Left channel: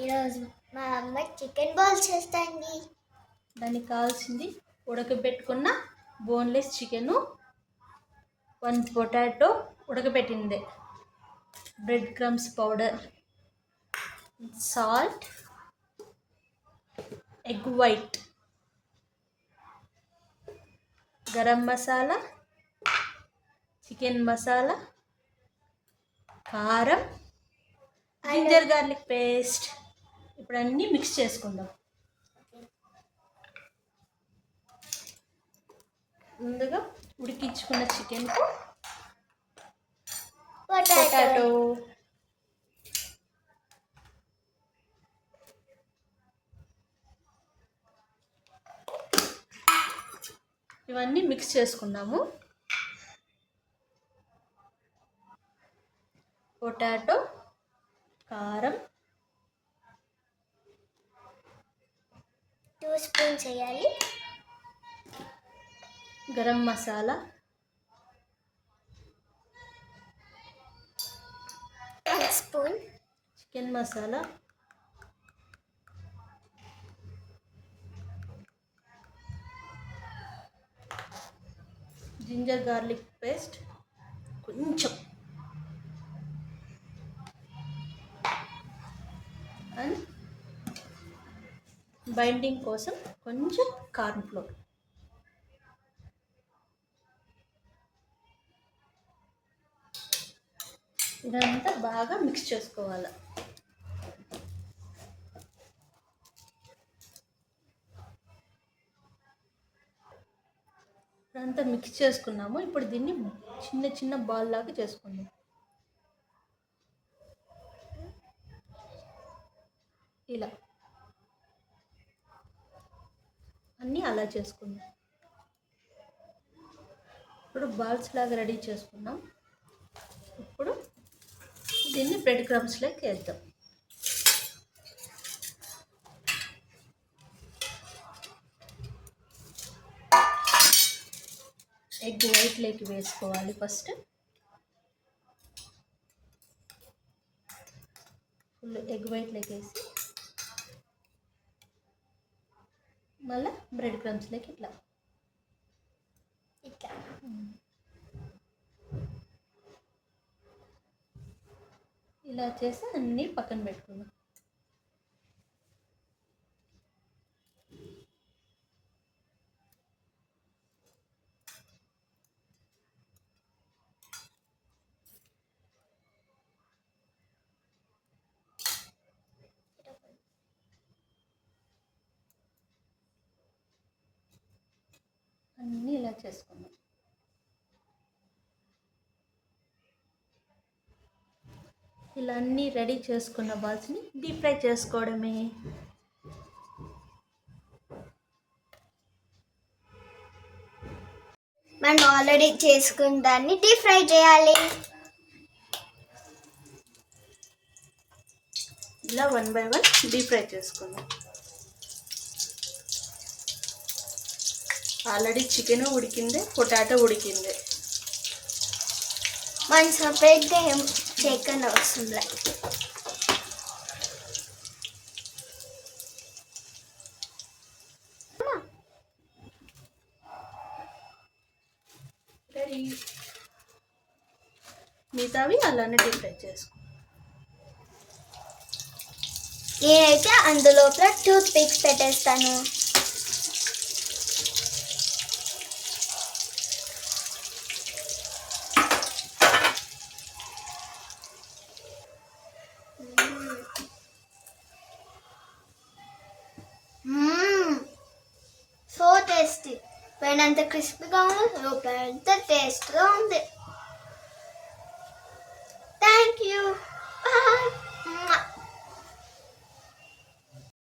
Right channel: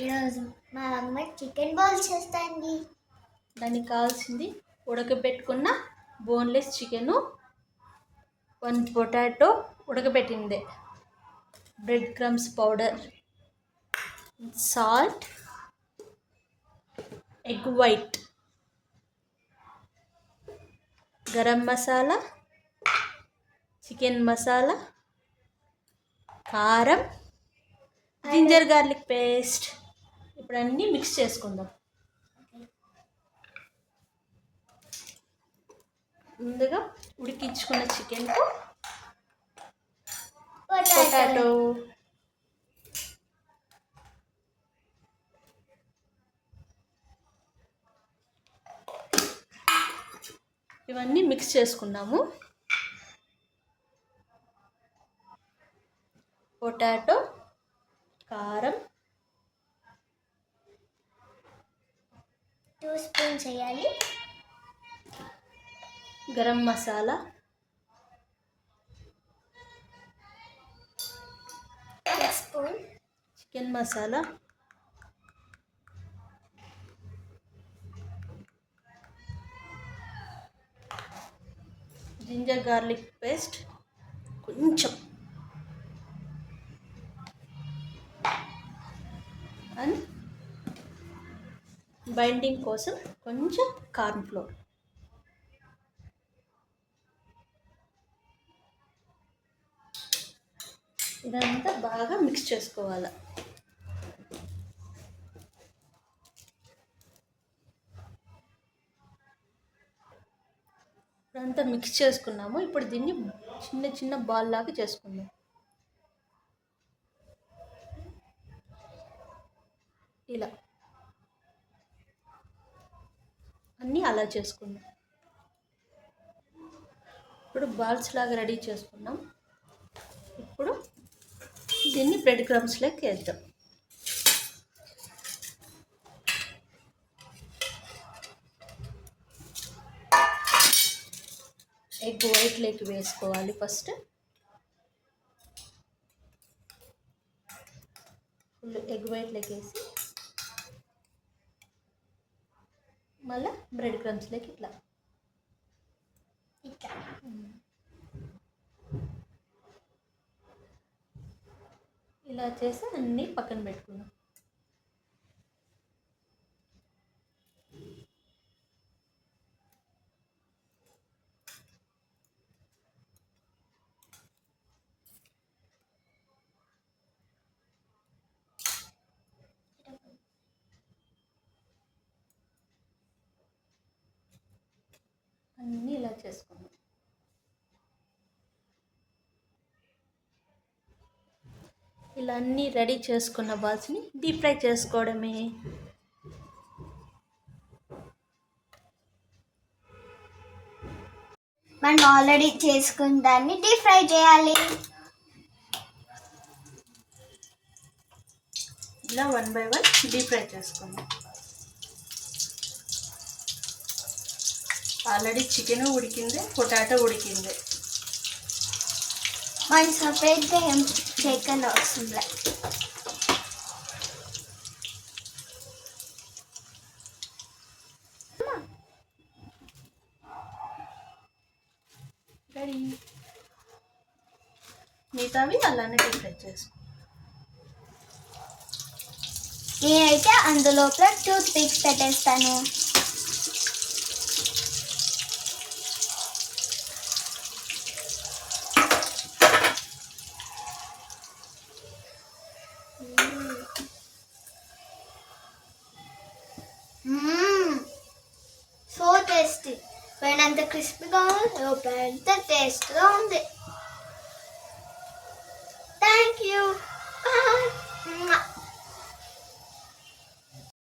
ఈరోజు మా అమ్మ చికెన్ బాల్స్ చేస్తాండి. దానికి కావాల్సింది ఉడకబెట్టుకున్న బోన్లెస్ చికెను, 1 పొటాటో ఉడకబెట్టిందే, bread crumbs powder, salt, egg white, garam masala, chicken masala, కారం, జింజర్ గార్లిక్ పేస్ట్. ఇప్పుడు అన్నీ మిక్స్ చేసుకుందాం. ముందుగా ఉడికించుకున్న చికెన్కు పొటాటో, ఇవన్నీ మిక్స్ చేసుకున్నాము. పొటాటో, కారం 2 స్పూన్స్ వేయాలి. Garam masala, 1 spoon, chicken masala, ginger garlic paste కొంచెం, అండ్ బైండింగ్ కోసం కొంచెం కార్న్ ఫ్లోర్. ఇదంతా బాగా మిక్స్ చేసుకోవాలి. ఇదంతా మిక్స్ చేసుకున్నాము. ఇప్పుడు దీన్ని చిన్న చిన్న బాల్ లాగా చేసుకుందాం. ఇలా అన్నీ అలా చేసుకుందాం. ఇప్పుడు బాల్స్ లాగా రెడీ చేసుకున్నాం. ఇప్పుడు దీన్ని బ్రెడ్ క్రమ్స్లోకి వేద్దాం. ఎగ్ వైట్లోకి వేసుకోవాలి. ఫస్ట్ ఫుల్ ఎగ్ వైట్లోకి వేసి మళ్ళీ బ్రెడ్ క్రమ్స్లోకి ఇట్లా ఇలా చేసి అన్నీ పక్కన పెట్టుకుందాం. అన్నీ ఇలా చేసుకుందాం. ఇలా అన్నీ రెడీ చేసుకున్న బాల్స్ని డీప్ ఫ్రై చేసుకోవడమే. మనం ఆల్రెడీ చేసుకున్న దాన్ని డీప్ ఫ్రై చేయాలి. ఇలా 1 by 1 డీప్ ఫ్రై చేసుకుందాం. ఆల్రెడీ చికెన్ ఉడికిందే, పొటాటో ఉడికిందే. మనం సపరేట్గా ఏం చేయకుండా వస్తుంది. రెడీ. మిగతావి అలానే డీప్ ఫ్రై చేసుకో. నేనైతే అందులోపల 2 స్టిక్స్ పెట్టేస్తాను. So tasty. పైన అంత క్రిస్పీగా ఉంది, లోపల అంత టేస్ట్గా ఉంది. Thank you. బాయ్.